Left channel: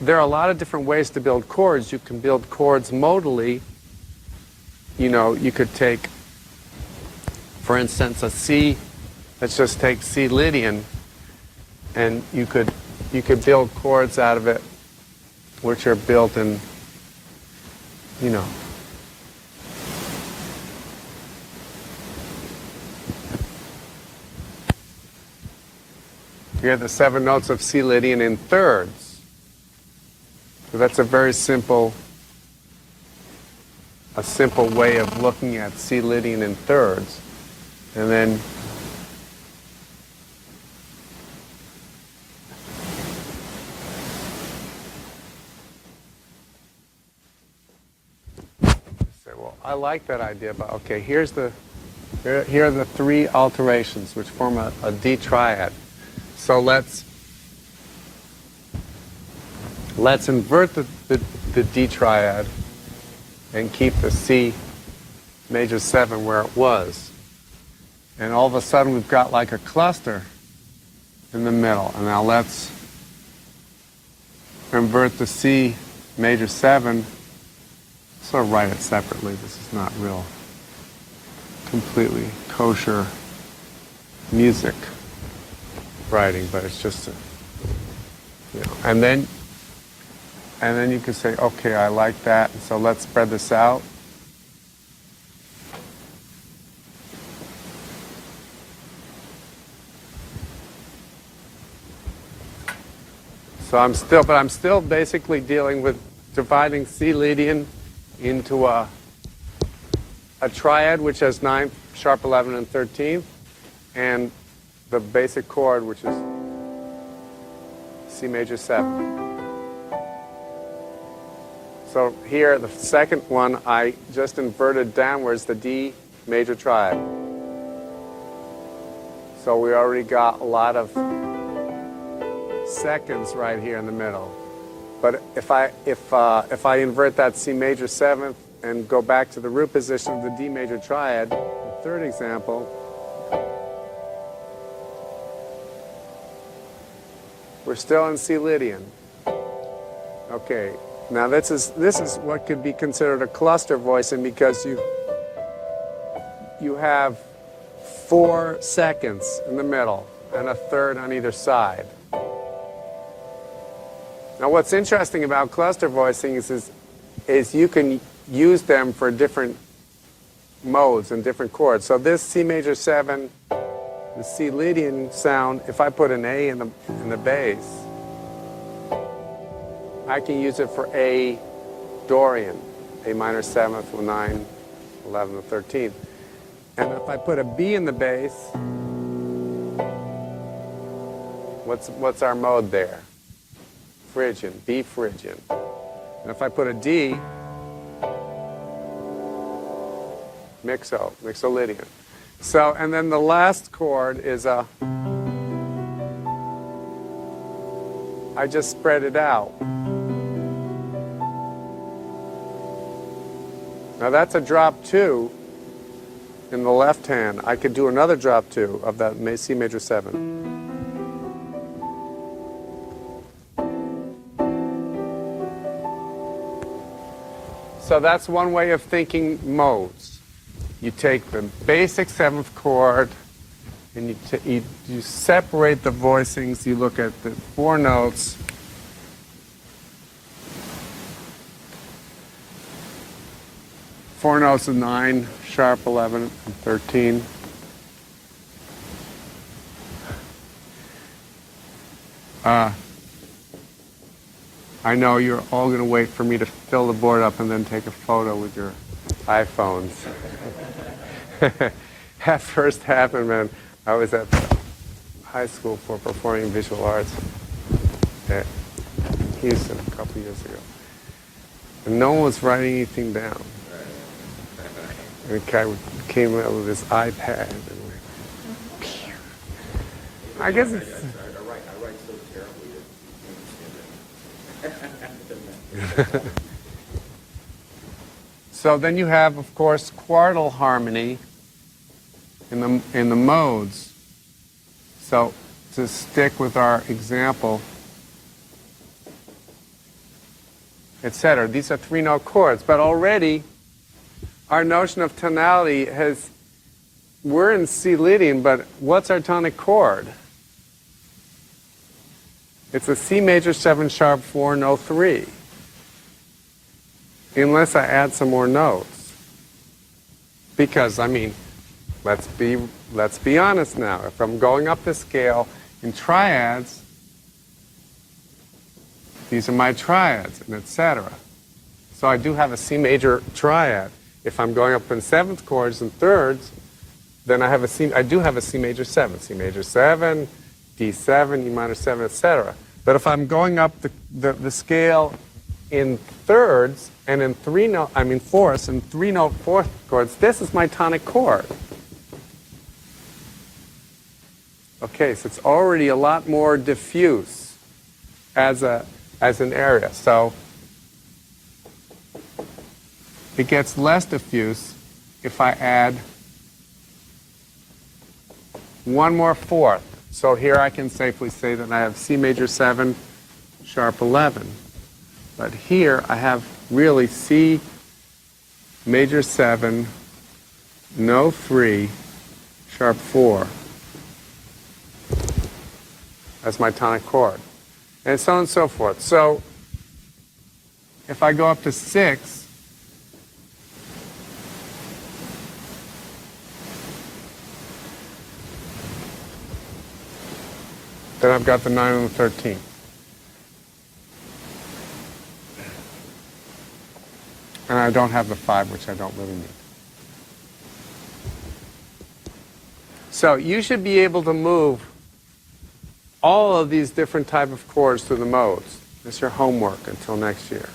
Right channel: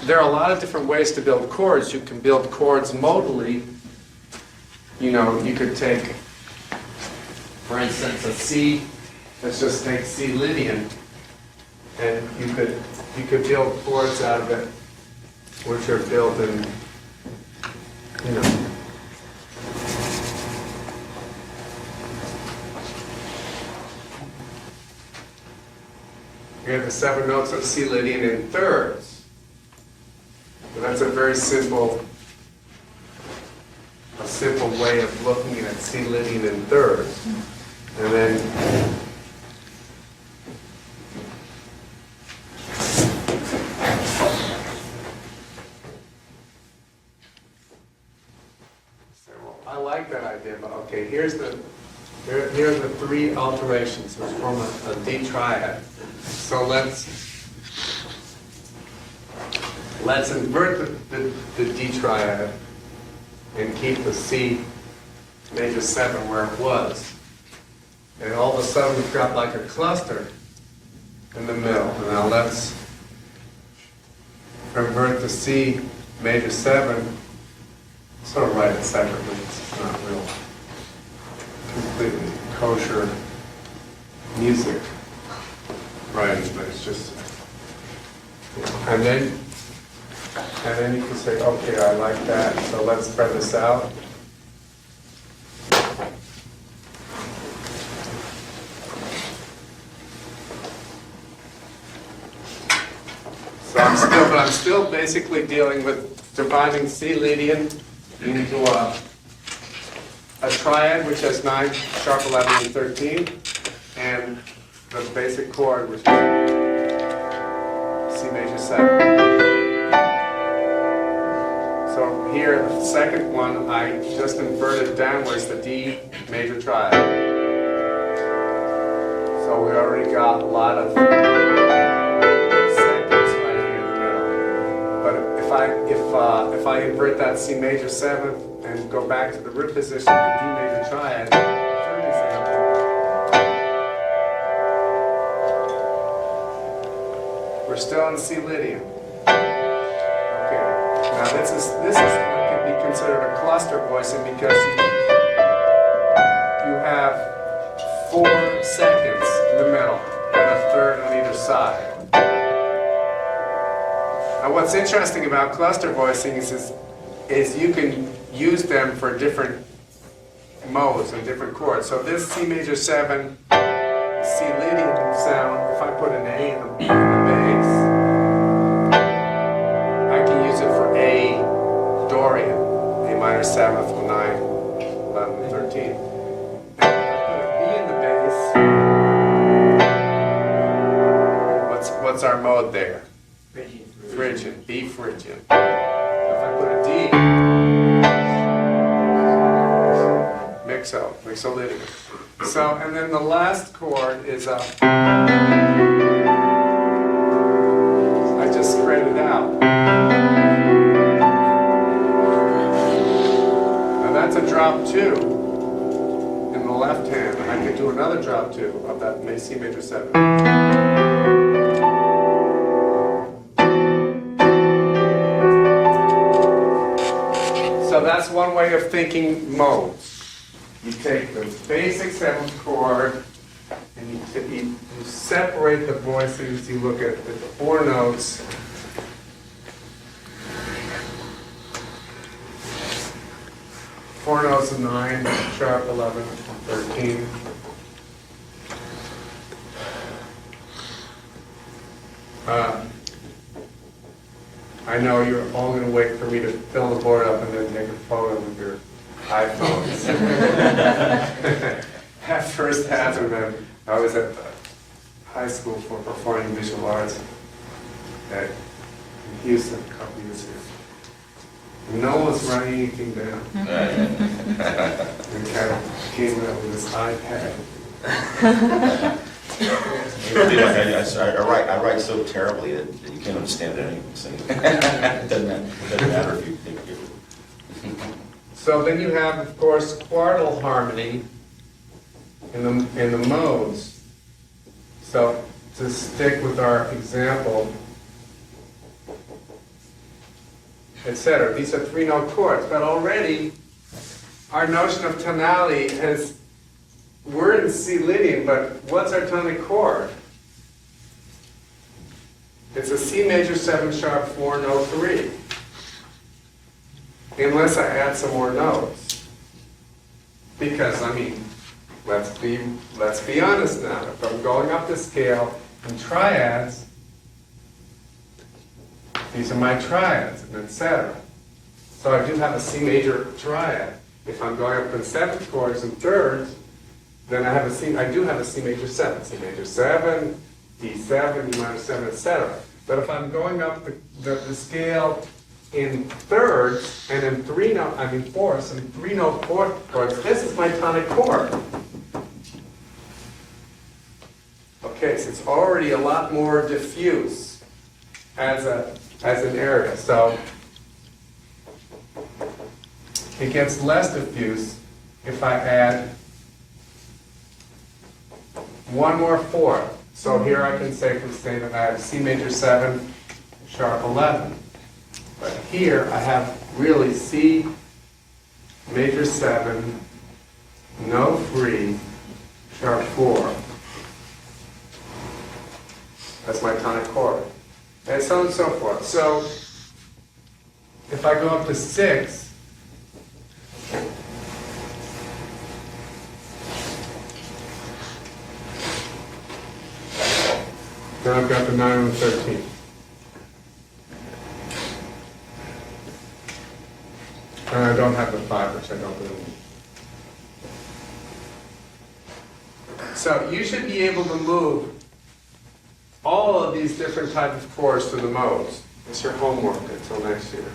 there are a lot of different ways to build chords. You can build chords modally. You know, you could take, for instance, a C. Let's just take C Lydian, and you could build chords out of it, which are built in, you know. You have the 7 notes of C Lydian in thirds. So that's a very simple way of looking at C Lydian in thirds. And then say, well, I like that idea, but okay, here are the 3 alterations which form a D triad. So let's invert the D triad and keep the C major 7 where it was. And all of a sudden we've got like a cluster in the middle. And now let's invert the C major 7. Sort of write it separately. It's not real completely kosher music writing, but it's just, you know. And then you can say, okay, I like that, so let's spread this out. So I'm still basically dealing with dividing C Lydian into a triad which has 9, sharp 11, and 13, and the basic chord, which is C major 7. So here, the second one, I just inverted downwards the D major triad. So we already got a lot of seconds right here in the middle. But if I invert that C major 7th and go back to the root position of the D major triad, third example, we're still in C Lydian. Okay. Now this is what could be considered a cluster voicing, because you have 4 seconds in the middle and a third on either side. Now what's interesting about cluster voicings is you can use them for different modes and different chords. So this C major 7, the C Lydian sound, if I put an A in the bass, I can use it for A Dorian, A minor 7th, 9, 11, 13. And if I put a B in the bass, what's our mode there? Phrygian, B Phrygian. And if I put a D, Mixolydian. So, and then the last chord is a, I just spread it out. Now that's a drop 2 in the left hand. I could do another drop 2 of that C major 7. So that's one way of thinking modes. You take the basic 7th chord and you separate the voicings. You look at the 4 notes. Four notes of 9, sharp 11, 13. I know you're all going to wait for me to fill the board up and then take a photo with your iPhones. That first happened when I was at high school for performing visual arts at Houston a couple years ago. And no one was writing anything down. And kind of came out with this iPad. I write so terribly that you can't understand anything. It doesn't matter if you think you. So then you have, of course, quartal harmony in the modes. So to stick with our example, etc. These are 3-note chords, but already our notion of tonality has, we're in C leading, but what's our tonic chord? It's a C major 7 sharp 4 note 3. Unless I add some more notes. Because, I mean, let's be honest now. If I'm going up the scale in triads, these are my triads, and etc. So I do have a C major triad. If I'm going up in 7th chords and thirds, then I do have a C major 7, D7, E minor 7, etc. But if I'm going up the scale in thirds and in fourths and 3-note fourth chords, this is my tonic chord. Okay, so it's already a lot more diffuse as an area. So it gets less diffuse if I add one more fourth. So here I can safely say that I have C major 7, sharp 11. But here I have really C major 7, no 3, sharp 4 as my tonic chord. And so on and so forth. So if I go up to 6, then I've got the 9 and the 13. And I don't have the 5, which I don't really need. So you should be able to move all of these different type of chords through the modes. It's your homework until next year.